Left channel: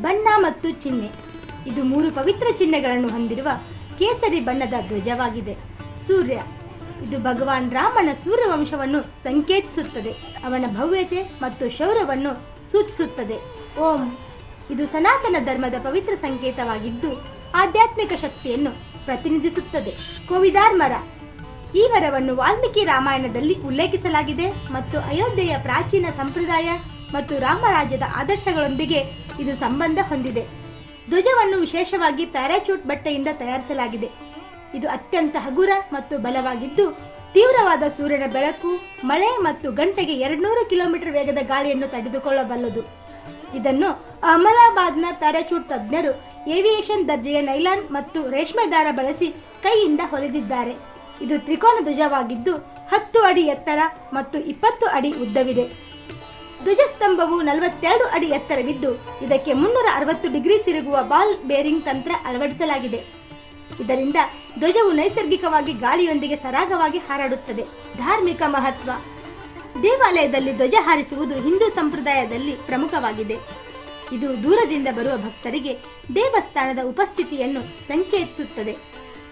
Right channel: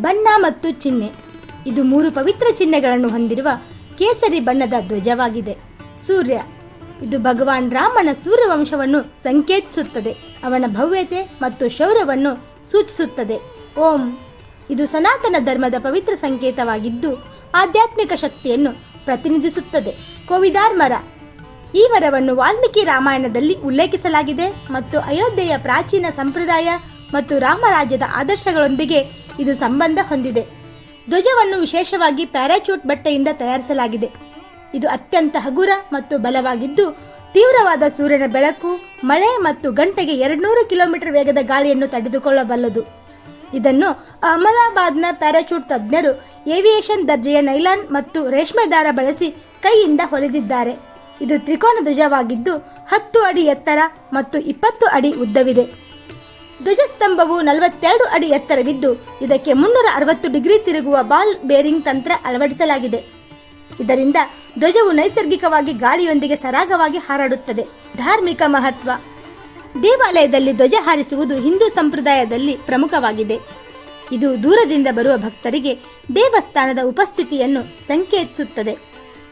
ಬಣ್ಣ ಮತ್ತು ಚಿಹ್ನೆ. ಇದು ಮೂರು ಪವಿತ್ರ ಚಿಹ್ನೆಗಳನ್ನು ಹೊಂದಿರುವ ಕೇಸರಿ ಬಣ್ಣದ ಧ್ವಜವಾಗಿದೆ. ಸೂರ್ಯ. ಇದು ಭಗವಾನ್ ರಾಮನ ಸೂರ್ಯವಂಶವನ್ನು ಸಂಕೇತಿಸುತ್ತದೆ. ಅವನ ಭವ್ಯತೆ ಮತ್ತು ಶೌರ್ಯವನ್ನು ಸೂಚಿಸುತ್ತದೆ. ಓಂ. ಇದು ಸನಾತನ ಧರ್ಮದ ಪವಿತ್ರ ಸಂಕೇತವಾಗಿದ್ದು, ಆಧ್ಯಾತ್ಮಿಕ ಶಕ್ತಿಯನ್ನು ಪ್ರತಿನಿಧಿಸುತ್ತದೆ. ಕೋವಿದಾರ್ ಮರ. ಈ ಮರವನ್ನು ವಾಲ್ಮೀಕಿ ರಾಮಾಯಣದಲ್ಲಿ ಉಲ್ಲೇಖಿಸಲಾಗಿದೆ ಮತ್ತು ಅಯೋಧ್ಯೆಯ ಪ್ರಾಚೀನ ಸಂಪ್ರದಾಯ ಮತ್ತು ರಾಮರಾಜ್ಯದ ಆದರ್ಶಗಳೊಂದಿಗೆ ಇದು ಸಂಬಂಧ ಹೊಂದಿದೆ. ಧ್ವಜವನ್ನು ವಿಶೇಷವಾಗಿ ಪ್ಯಾರಾಚೂಟ್ ಬಟ್ಟೆಯಿಂದ ತಯಾರಿಸಲಾಗಿದೆ. ಇದು ಅತ್ಯಂತ ಹಗುರ ಮತ್ತು ಬಲವಾಗಿದ್ದು, ತೀವ್ರವಾದ ಸೂರ್ಯನ ಬೆಳಕು, ಮಳೆ ಮತ್ತು ಗಂಟೆಗೆ ಎರಡ್ನೂರು ಕಿಲೋಮೀಟರ್ ವೇಗದ ಗಾಳಿಯನ್ನು ತಡೆದುಕೊಳ್ಳಬಲ್ಲದು. ಇದನ್ನು ಅಹಮದಾಬಾದ್ನ ಪ್ಯಾರಾಚೂಟ್ ತಜ್ಞರು ಏವಿಯೇಷನ್ ದರ್ಜೆಯ ನೈಲಾನ್ ಮತ್ತು ರೇಷ್ಮೆ ದಾರ ಬಳಸಿ ಕೈಯಿಂದ ಹೊಲಿದಿದ್ದಾರೆ. ಇದು ತ್ರಿಕೋನ ಧ್ವಜವಾಗಿದ್ದು, ಹತ್ತು ಅಡಿ ಎತ್ತರ ಮತ್ತು ಇಪ್ಪತ್ತು ಅಡಿ ಉದ್ದವಿದೆ. ಧ್ವಜಸ್ತಂಭವು ನಲವತ್ತೆರಡು ಅಡಿ ಎತ್ತರವಿದ್ದು, ಇದಕ್ಕೆ ಮುನ್ನೂರ ಅರವತ್ತು ಡಿಗ್ರಿ ತಿರುಗುವ ಬಾಲ್ ಬೇರಿಂಗ್ ತಂತ್ರ ಅಳವಡಿಸಲಾಗಿದೆ. ಇದರಿಂದ ಧ್ವಜವು ನೈಸರ್ಗಿಕವಾಗಿ ಗಾಳಿಯೊಂದಿಗೆ ಸರಾಗವಾಗಿ ಹಾರಾಡುತ್ತದೆ. ಧಾರ್ಮಿಕ ಮಹತ್ವ. ದೇವಾಲಯದಲ್ಲಿ ಧ್ವಜ ಹಾರಿಸುವುದು ಹಿಂದೂ ಸಂಪ್ರದಾಯದಲ್ಲಿ ಪ್ರಮುಖವಾಗಿದೆ. ಇದು ದೂರದಿಂದ ಬರುವ ಭಕ್ತರಿಗೆ ದೇವಸ್ಥಾನದ ಉಪಸ್ಥಿತಿಯನ್ನು ಸಂಕೇತಿಸುತ್ತದೆ.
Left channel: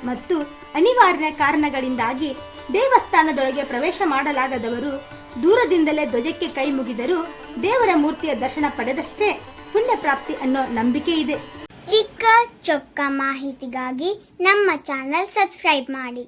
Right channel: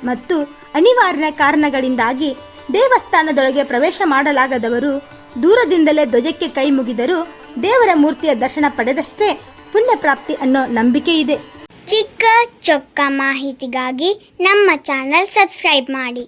ಮತ್ತು ಅನಿವಾರ್ಯ ಕಾರಣಗಳಿಂದಾಗಿ ದೇವಸ್ಥಾನದೊಳಗೆ ಪ್ರವೇಶ ಮಾಡಲಾಗದವರು ದೂರದಿಂದಲೇ ಧ್ವಜಕ್ಕೆ ಕೈ ಮುಗಿದರೂ ದೇವರ ಮೂರ್ತಿಯ ದರ್ಶನ ಪಡೆದಷ್ಟೇ ಪುಣ್ಯ ಪ್ರಾಪ್ತಿ ಅನ್ನೋ ನಂಬಿಕೆ ಇದೆ. ಚಿಕ್ಕ ಚೊಕ್ಕ ಮಾಹಿತಿಗಾಗಿ ನಮ್ಮ ಚಾನಲ್ ಸಬ್ಸ್ಕ್ರೈಬ್ ಮಾಡಿ.